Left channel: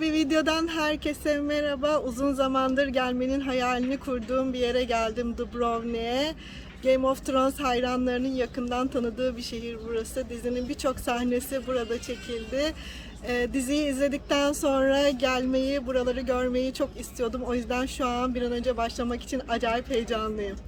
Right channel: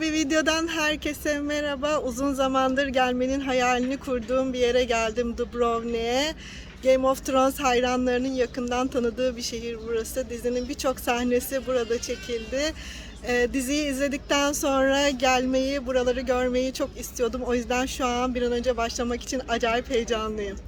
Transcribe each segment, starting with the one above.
Yeni bir videodan herkese merhaba. Uzun zamandır gelmenin hayalini kurduğum bir yere geldim Dubrovnik'e. Game of Thrones hayranlarının yakından tanıdığı bir şehir burası. Dizinin birçok sahnesi burada çekildi. Ee, diziyi izledikten sonra gelmeyi, buraları görmeyi çok istiyordum. O yüzden şu an bir an önce başlamak için acayip heyecanlıyım.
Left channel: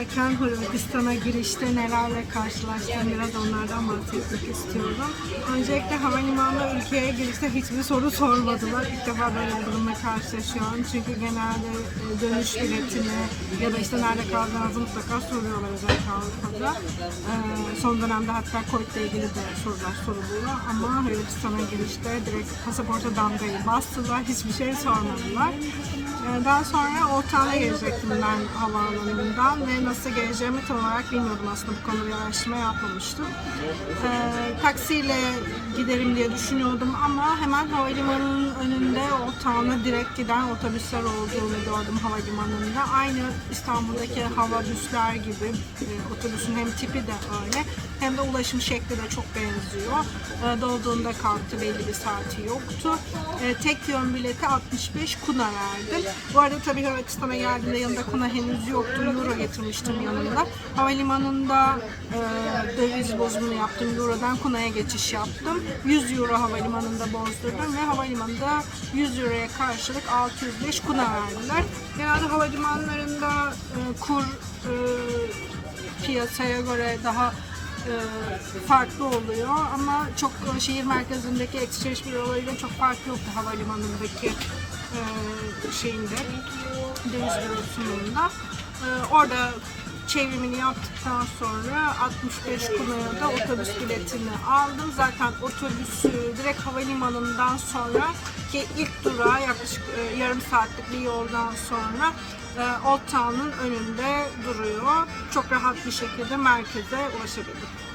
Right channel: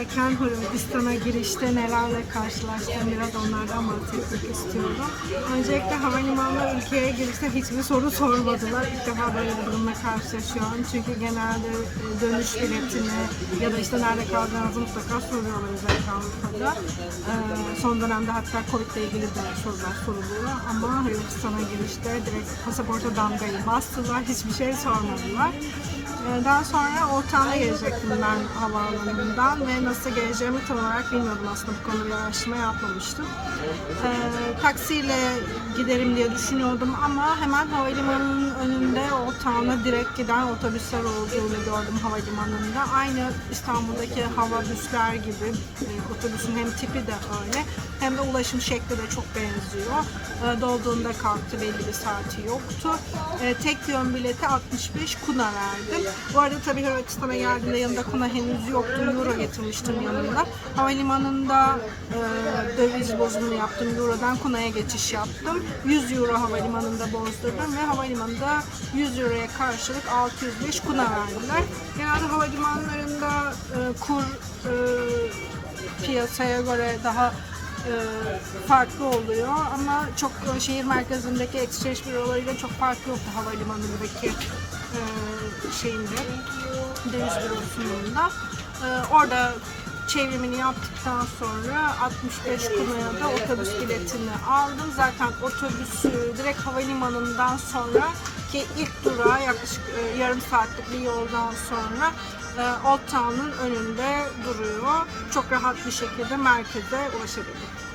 Beklerken Hırvatistan'a girişte nelerle karşılaştım biraz onlardan bahsetmek istiyorum. Öncelikle havalimanına ülkeye girişte hiçbir soru sormadılar. İlk defa böyle bir durumla karşılaşıyorum. Çünkü genelde e, dönüş biletini ya da işte nerede kalacağınızı mutlaka soruyorlar özellikle Avrupa'da. Ee, son dönemde hatta Covid ile ilgili de sorular soruluyor ama Hırvatistan'a girişte direkt pasaporta damgayı bastılar. Hiçbir şey sormadılar. Ee, Daha sonra Ortağ'a gelecektim ben havaalanından ve nasıl geleceğimi tam olarak bilmiyordum aslında bu konuda bir araştırma yapmamıştım. Ee, taksiyle giderim diye düşünüyordum ama hemen havalimanının önünde Ortağ'a direkt giden otobüsler olduğunu gördüm havalimanında. Aynı İstanbul'daki hava büsler gibi e, otobüsün hem tipi de öyle hem de ulaşım şekli de çok benziyor. Ee, dolduğunda kalktı belli bir saati yoktu. Ee, tek yön bileti 65 kuna verdim. Bu arada tabii Hırvatistan'a geldiğimde yanında kuna henüz yoktu. Euro getirmiştim yanımda. Havalimanında e, döviz bozumunu yaptım. Euro'dan kunaya geçiş yaptım. 100 euro havalimanında bozdurdum ve havalimanında 100 euroya karşılık 605 kuna verdiler. Genelde havalimanlarında e, kur e, piyasaya göre daha e, farklı oluyor ama çok şehir merkezindeki exchange bürolarıyla çok farklı yoktu havalimanındaki e, şeyinde döviz bürosunun da. E, orada çevrimini yaptıktan sonra 65 kunaya da otobüs biletini aldım. Zaten otobüsü direkt havalimanından sonra ki ilk durağı yaklaşık e, yarım saatlik bir yoldan sonra e, Old Town'un önünde duruyor. Çok rahat bir şekilde merkeze ulaşabildik.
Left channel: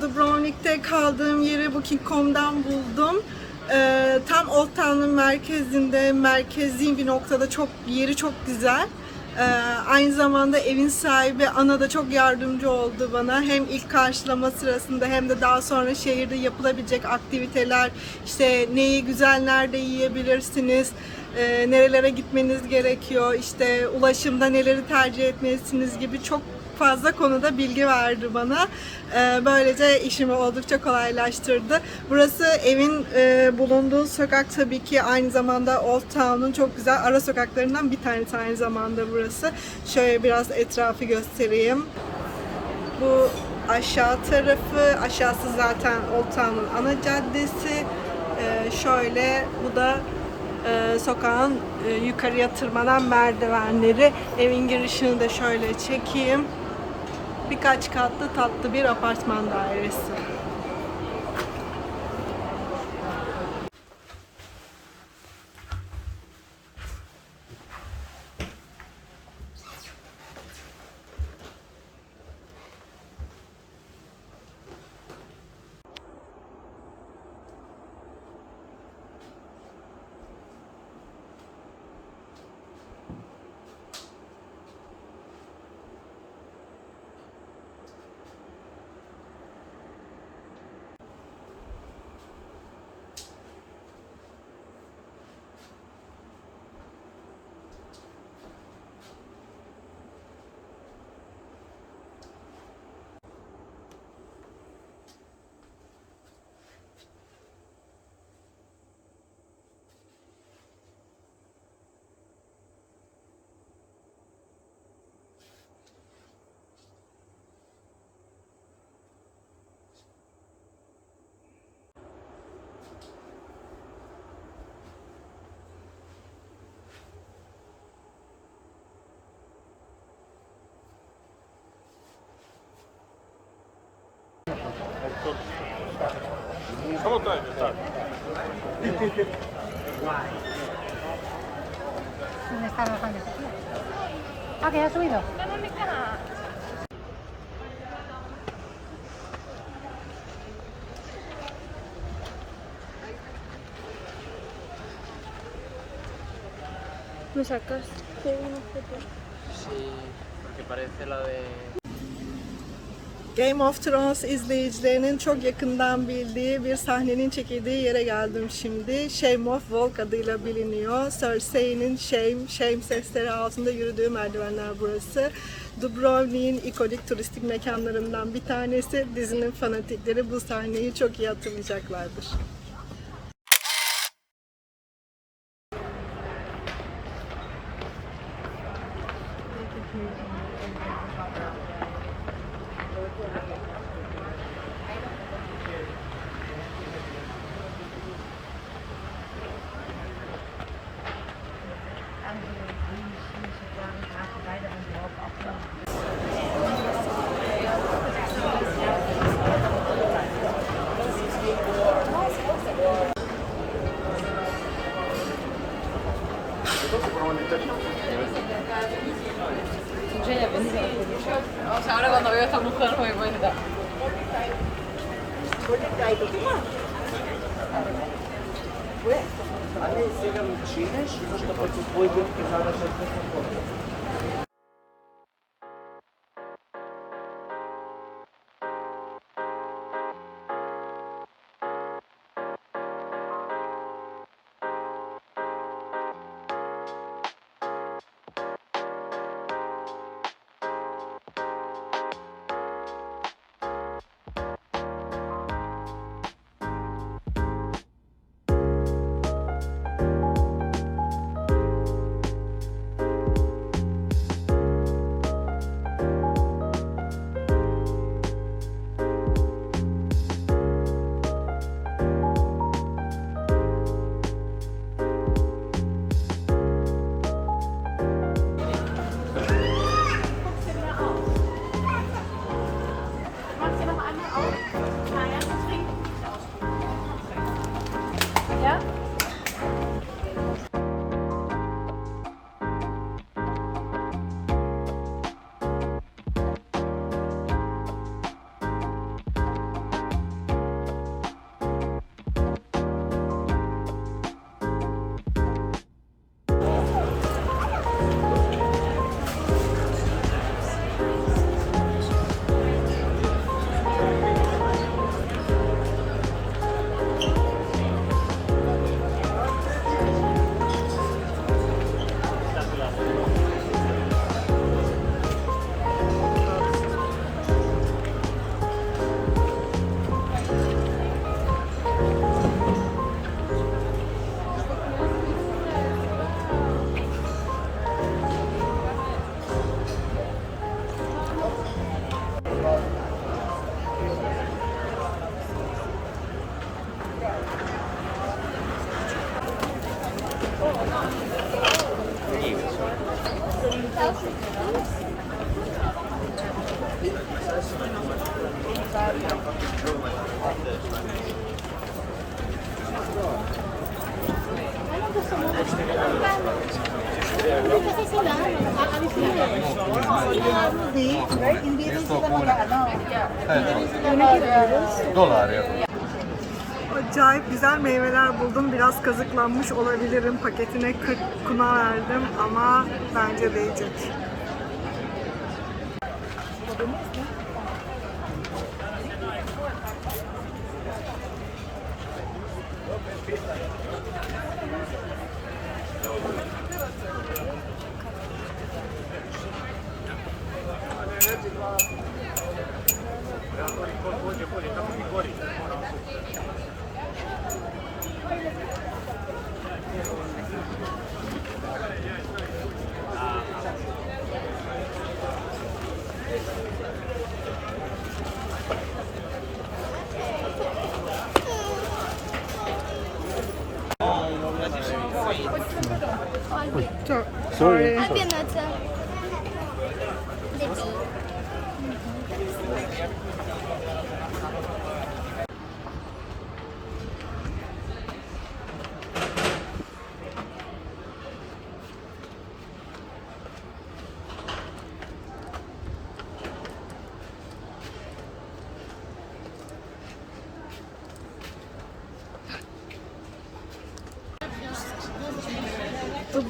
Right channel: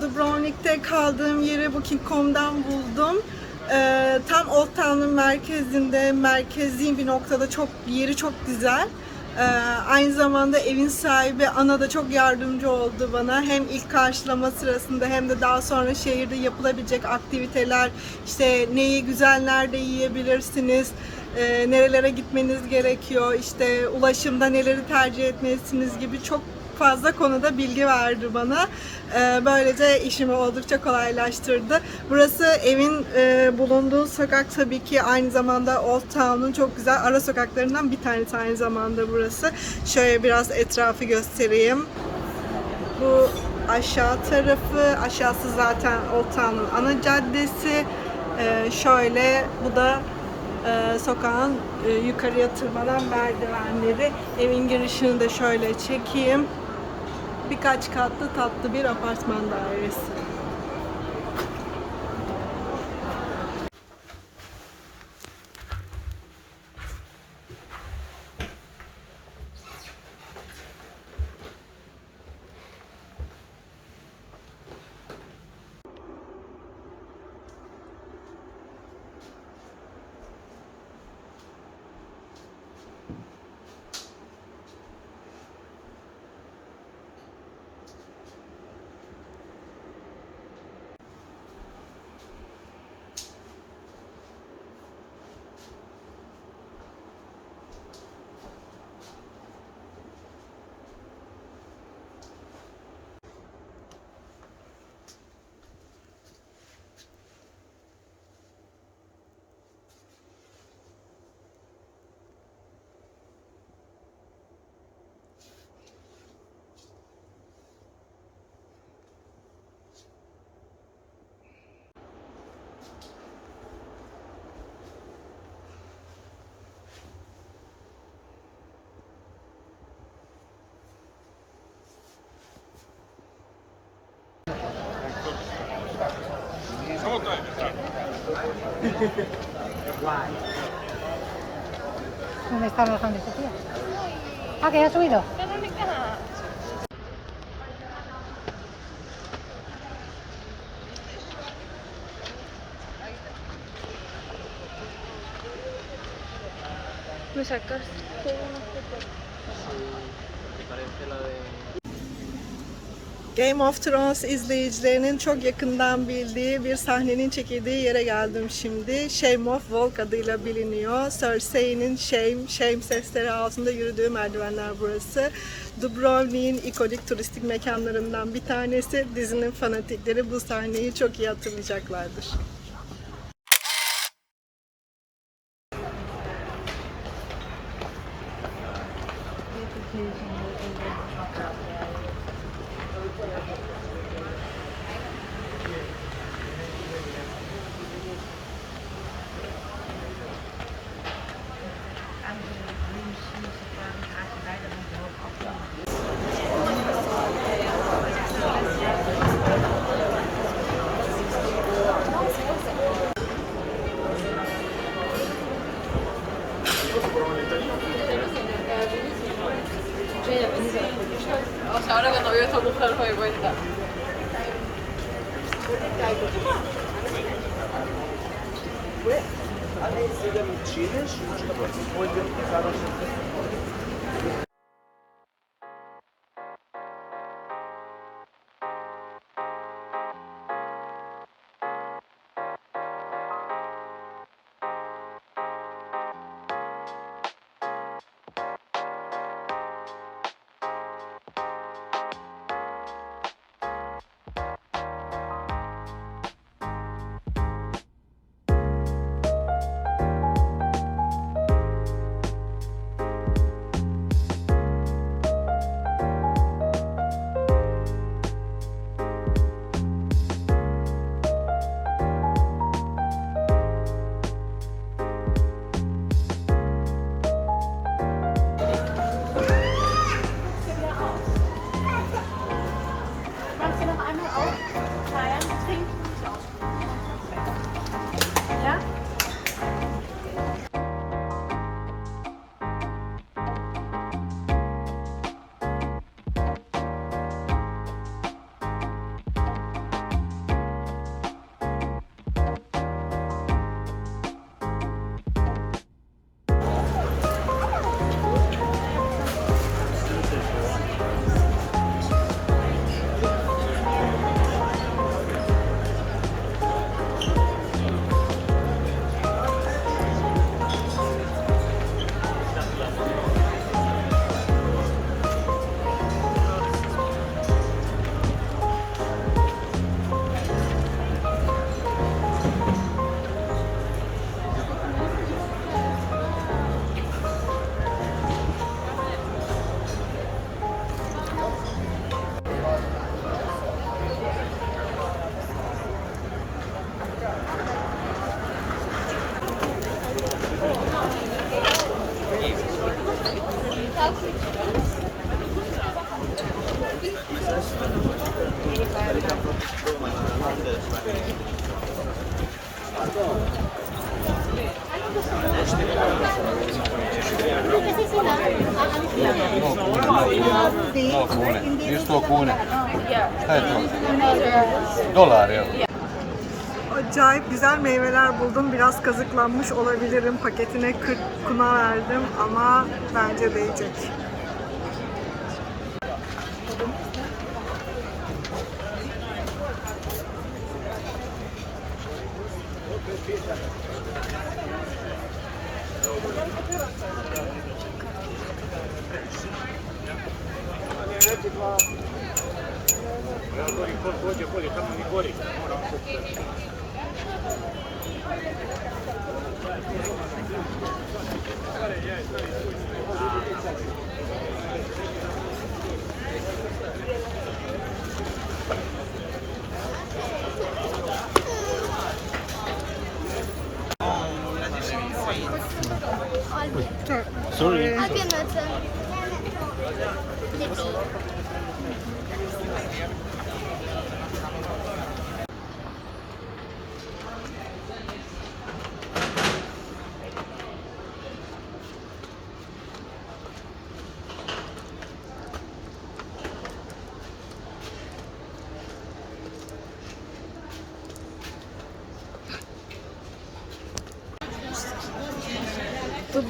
Dubrovnik'te kaldığım yeri Booking.com'dan buldum. Ee, tam Old Town'un merkezinde, merkezi bir noktada çok yeri çok güzel. Ee, aynı zamanda evin sahibi Ana da çok yardımcı oldu bana. Hem ilk karşılama sırasında hem de daha sonra şehirde yapılabilecek aktiviteler, işte neyi güzel nerede yiyebilirsiniz, e, nerelere gitmeniz gerekiyor, işte ulaşımda neleri tercih etmelisiniz gibi çok fazla konuda bilgi verdi bana. Ee, Böylece işimi oldukça kolaylaştırdı. Burası evin e, bulunduğu sokak tabii ki aynı zamanda Old Town'un çok güzel ara sokaklarından bir tanesi aynı zamanda burası. Şöyle biraz etrafı göstereyim. Bu aşağı tarafı, aşağısı zaten Old Town'un ana caddesi. Ee, şöyle bu da e, sokağın e, yukarıya tırmanan merdivenleri. Evin girişini de şöyle çekeyim. Birkaç katlı tatlı bir apartman dairesi. ¿Dónde está tu tía? Ah, que ya ha subido. ¿Me sacas? Game of Thrones izleyicilerinin çok yakından bildiği bir sahnenin çekildiği yere geldim şimdi. Shame of Walk adıyla biliniyor. Cersei'nin Shame, Shame sesleri altında yürüdüğü merdivenler burası. Dubrovnik'in ikonik turistik mekanlarından bir tanesi. Dizinin fanatikleri bu sahneyi çok iyi hatırlayacaklardır. O sea, ahora cuando veo esta mujer no me cuenta. Ale to Dolar ya. Acayip güzel meyveler buldum. Biraz kazıklanmış olabilirim. Paketine 40 kuna verdim ama bence değecek.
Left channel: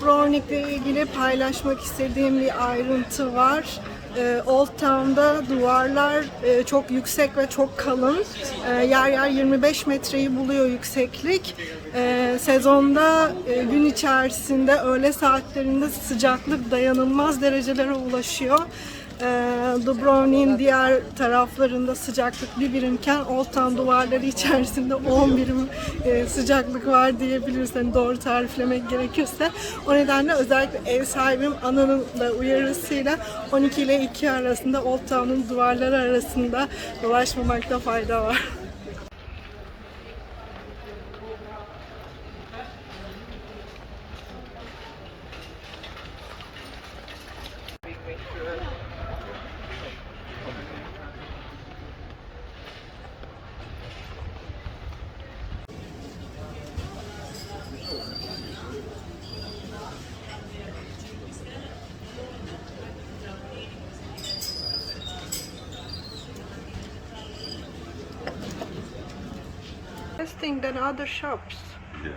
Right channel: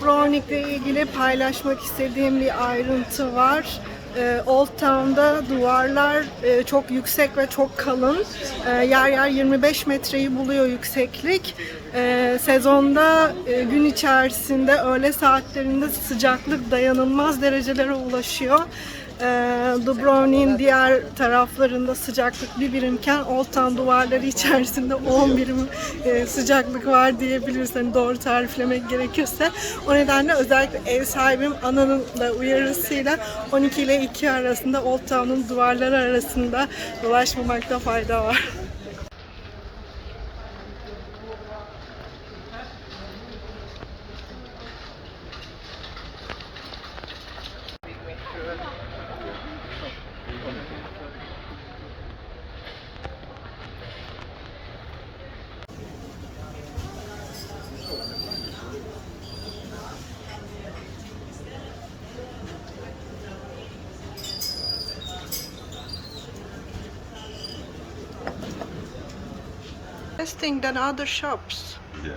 Dubrovnik'le ilgili paylaşmak istediğim bir ayrıntı var. Ee, Old Town'da duvarlar e, çok yüksek ve çok kalın. Ee, yer yer 25 metreyi buluyor yükseklik. Ee, sezonda e, gün içerisinde öğle saatlerinde sıcaklık dayanılmaz derecelere ulaşıyor. Ee, Dubrovnik'in diğer taraflarında sıcaklık bir birimken Old Town duvarları içerisinde 10 birim e, sıcaklık var diyebiliriz. Hani doğru tariflemek gerekirse. O nedenle özellikle ev sahibim Ana'nın da uyarısıyla 12 ile 2 arasında Old Town'un duvarları arasında dolaşmamakta fayda var. interesting than other shops. Yeah.